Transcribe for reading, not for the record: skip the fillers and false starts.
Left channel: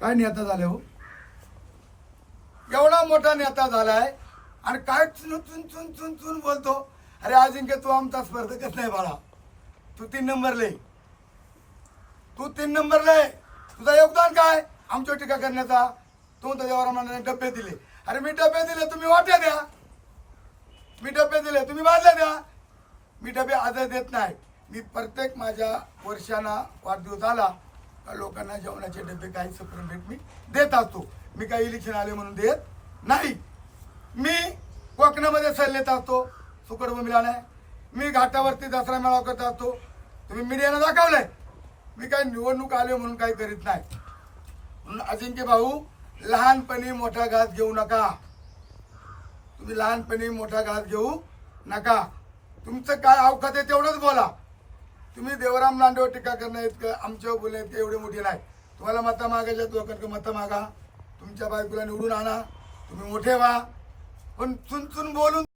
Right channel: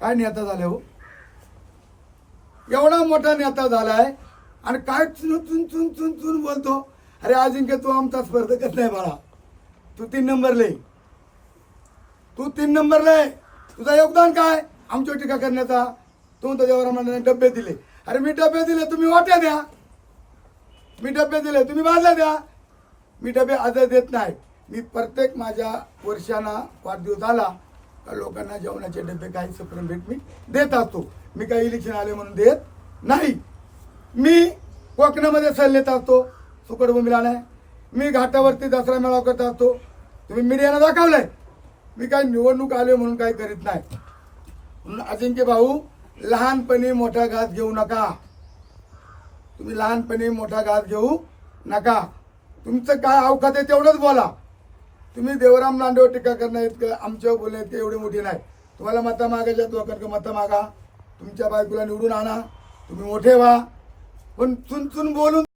काय नेता झाले हो, एवढा मोठा नेता झालाय आणि काय चुन चुन चुन चुन चुन बोलतो. अरे अजिंक्य तू आमचा स्पर्धकच नाही बाळा, तू 3 नंबरला आहे, तू 3 नंबरला आहे. तुझं योगदान काय आमच्यावर टीका करण्याचा? तू तर देवरामाने डबे दिले. अरे मी डबे दिले, तुम्ही वाट्या द्या. मी डबे दिले, तुम्ही बाजल्या द्या. मी डबे आजही देत नाही. मी प्रत्येक माझ्या वर्षांना वाढदिवस आला का लोकांना जेवणाचे डबे काही सप्रेम भेट मी देत असतो. मी काही इलेक्शन आले म्हणून देत नाही. मी कोकणामध्ये सल्ले देत असतो, सुकडभूमीला नाही. मी घाटावरती दसरा मेळावा करत असतो, तुम्ही मीडियानं दाखवलंय. मी काही निवडणूक आले म्हणून काही करीत नाही. म्हणून अजिंक्य भाऊ, लहानपणी मोठा घास घेऊ नका. तुम्ही लहानपणी मोठा घास घेऊ नका. तुमचं काय अवकात आहे तेवढंच बोला. तुम्ही देवराम लांडेवर टीका करणार इतकं आमच्यावर बोलणे इतकं एवढे मोठे नाही. तुम्हाला मतं मागायच्यात लोकांकडे मतं मागा, तुमच्या बायकोला निवडून आणा, तुम्ही मोठे व्हा. पण चुन चुन बोलून